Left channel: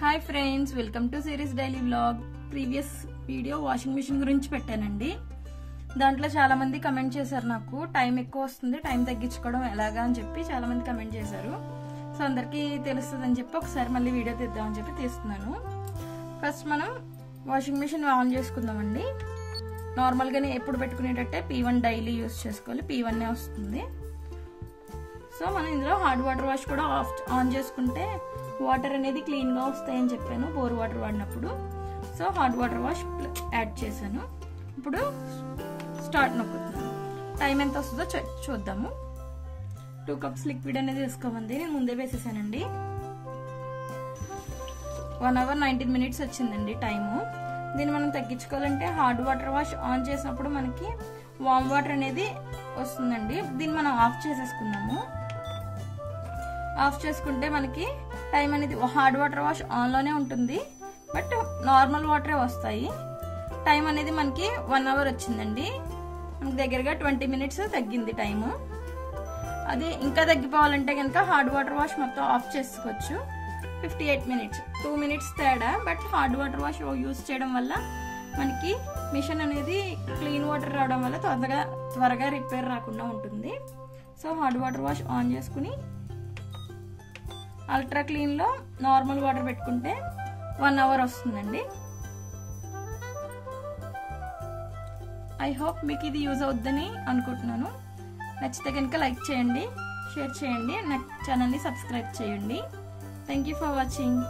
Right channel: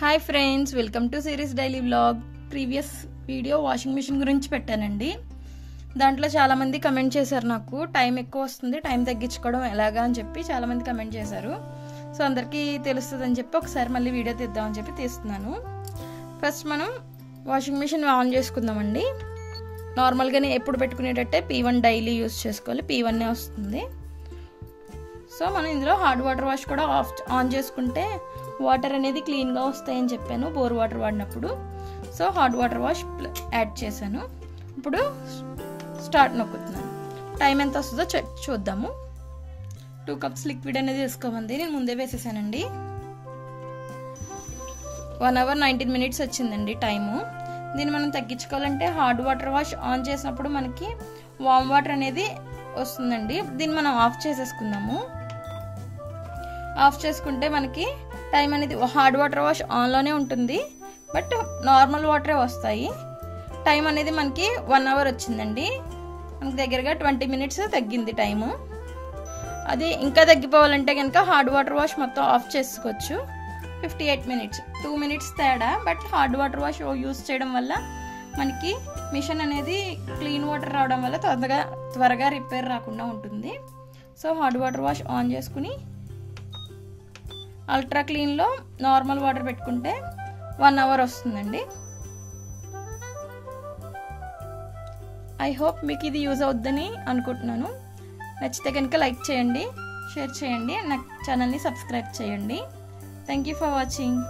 Hi friends, welcome to series daily vlog. Previous video washing machine గురించి పెట్టానండి. దాంట్లో చాలామంది కమెంట్ చేశారు, నాకు టైం ఎక్కువ వస్తుంది, టైం తగ్గించుకోవడం ఎలాగా అని చెప్పి చాలామంది కమెంట్ చేశారు. సో అందరికీ తెలుస్తుంది అని చెప్పి ఒకసారి మళ్ళీ వీడియో తీద్దామని చెప్పి తీస్తున్నాను. ఫస్ట్ మనం వాషింగ్ మిషన్ ఆన్ చేసుకుందామండి. నార్మల్గానే ఎప్పుడు పెట్టుకునేటట్టే P1 డైలీ యూస్ చేసుకోవాలి, P1 వస్తుంది. సో మనం ఇందులో హార్డ్ వాటర్ వాష్ కూడా ఆన్ చేసుకుంటే వాటర్ అనేది క్లీన్గా వస్తాయని చెప్పాను బోర్ వాటర్ వాడినప్పుడు. So hot water wash add చేశాను. ఇప్పుడు స్టార్ట్ నొక్కుతున్నాను. టైం ఎంత వస్తుందో చూద్దాము. 2 కప్స్ లిక్విడ్ అనేది వేసుకోమంది, నేను ముందే వేసేసానండి. 1 hour 19 minutes వచ్చిందండి టైము. దీన్ని మనం తగ్గించుకోవాలంటే హార్డ్ వాటర్ వాష్ ఆన్ చేసినప్పుడు మనకి వామ్ వాటర్ అనేది వస్తుందండి. దీన్ని మనం ఆఫ్ చేసేసుకుందాము. ఆఫ్ చేసుకుంటే మనకి టైం అనేది హార్డ్ వాటర్ వాష్ ఆన్లోనే ఉంటుంది, బట్ నార్మల్ వాటరే వస్తాయి. టైం అనేది మనకి 1 hour వచ్చిందండి. మనకి దగ్గరగా 20 minutes తగ్గింది టైము. అది ఇంకా తగ్గిపోవాలంటే కనుక హార్డ్ వాటర్ వాష్ మొత్తం ఆఫ్ చేసుకోవచ్చు. 58 minutes, 2 minutes తేడా. But hard water wash use చేయడం వల్ల మనకి మిషన్ అనేది క్లీన్ వాటర్ రావడం వల్ల త్వరగా రిపేర్ రాకుండా ఉంటుంది. So hard water wash on చేసుకుని అల్ట్రా క్లీన్లో నార్మల్ వాటర్ పెట్టుకుంటే 1 hour వస్తుందండి. ఐ హోప్ మీకు ఇది యూజ్ అవుద్దని అనుకుంటున్నాను. నచ్చితే కనుక లైక్ చేయండి, షేర్ చేయండి, నా ఛానల్ని సబ్స్క్రైబ్ చేయండి. Thank you for watching.